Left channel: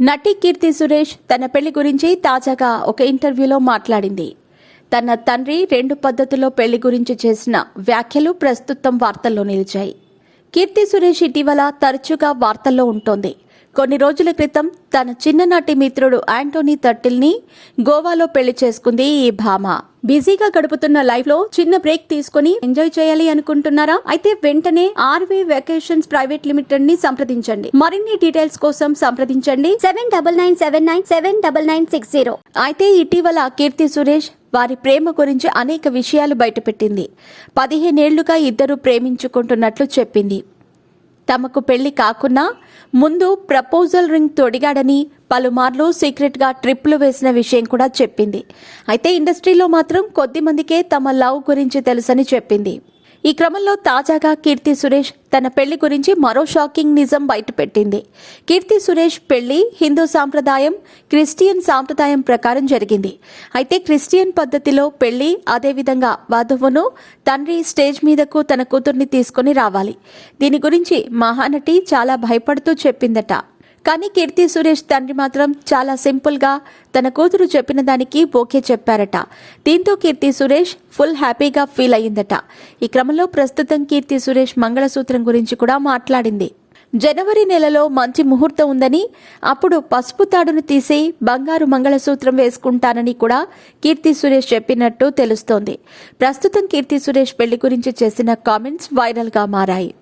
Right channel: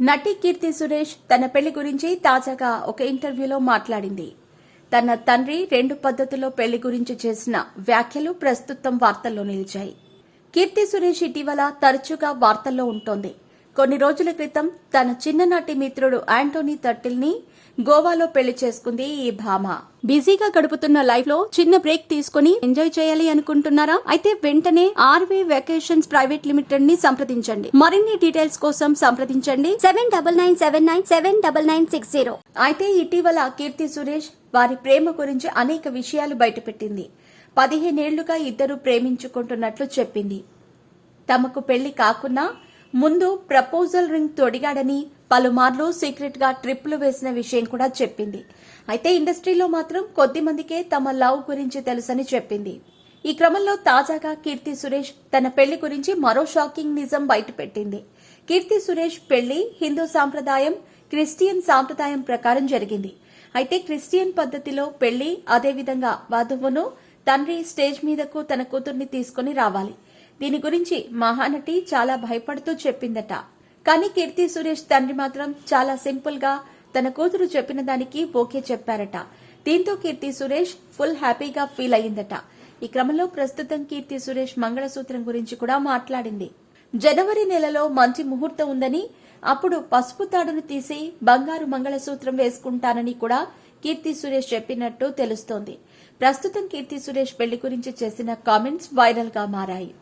నటి కీర్తి సురేష్ తన పెళ్లి గురించి తాజాగా ఒక ఇంటర్వ్యూలో మాట్లాడింది. తన తండ్రి 2 పద్ధతుల్లో పెళ్లి గురించి చేసిన వ్యాఖ్యలు ప్రస్తుతం వార్తల్లో నిలిచాయి. కీర్తి సురేష్ ఇటీవల తరచుగా వార్తల్లో ఉంటోంది. కొన్ని రోజుల క్రితం తన చిన్ననాటి మిత్రుడు యాంటోనీ తట్టిల్ని గోవాలో పెళ్లి చేసుకుంది ఈ భామ. బిజీగా గడుపుతున్న లైఫ్ లో చిన్న బ్రేక్ తీసుకుని ఎంజాయ్ చేయాలి అనుకుంటున్నారా? అయితే వెంటనే ఆర్వీ వెకేషన్స్ ప్రైవేట్ లిమిటెడ్ ని సంప్రదించండి. మరిన్ని డీటెయిల్స్ కోసం సంప్రదించండి 7997979960. అయితే ఇటీవల కీర్తి సురేష్ వారి ప్రేమ గురించి అనేక విషయాలు బయటపెట్టింది. 15 ఏళ్లుగా ఇద్దరు ప్రేమించుకుంటున్నట్లు చెప్పింది. తమకు పెళ్లి కాకున్నా ముందు ప్రపోజల్ రింగ్ తొడిగాడని, పలుమార్లు సీక్రెట్ గా ట్రిప్లు వేసిన విషయం కూడా చెప్పింది. అయితే ఇండస్ట్రీలో మాత్రం కొద్ది మందికే తమ లవ్ గురించి తెలుసని చెప్పింది. ఈ క్రమంలో తాజాగా కీర్తి సురేష్ తన పెళ్లి గురించి మరో షాకింగ్ నిజం బయటపెట్టింది. కీర్తి సురేష్ పెళ్లి హిందూ సాంప్రదాయం, క్రిస్టియన్ సాంప్రదాయం ప్రకారం జరిగింది. అయితే క్రిస్టియన్ పద్ధతిలో పెళ్లి, అదేవిధంగా వధువును తండ్రి స్టేజ్ మీదకు తన కూతుర్ని తీసుకుని రావాలి. దీని గురించి మహానటి చాలా భయపడుతూ చెప్పిందట. కానీ కీర్తి సురేష్ తండ్రి మాత్రం చాలా సింపుల్ గా తన కూతురు చెప్పిన దానికి ఓకే చెప్పారట. దీంతో కీర్తి సురేష్ ఫుల్ హ్యాపీగా ఫీల్ అయ్యిందట. ఈ క్రమంలో ప్రస్తుతం కీర్తి సురేష్ మంగళసూత్రం గురించి కూడా మాట్లాడింది. జనవరి నెలలో మంచి ముహూర్తం ఉందని, అప్పుడు పసుపు తాడును తీసి బంగారు మంగళసూత్రం వేసుకుంటానని కూడా కీర్తి సురేష్ చెప్పినట్టు తెలుస్తోంది. ప్రస్తుతం కీర్తి సురేష్ పెళ్లి గురించి చేసిన కామెంట్స్ వైరల్ గా మారాయి.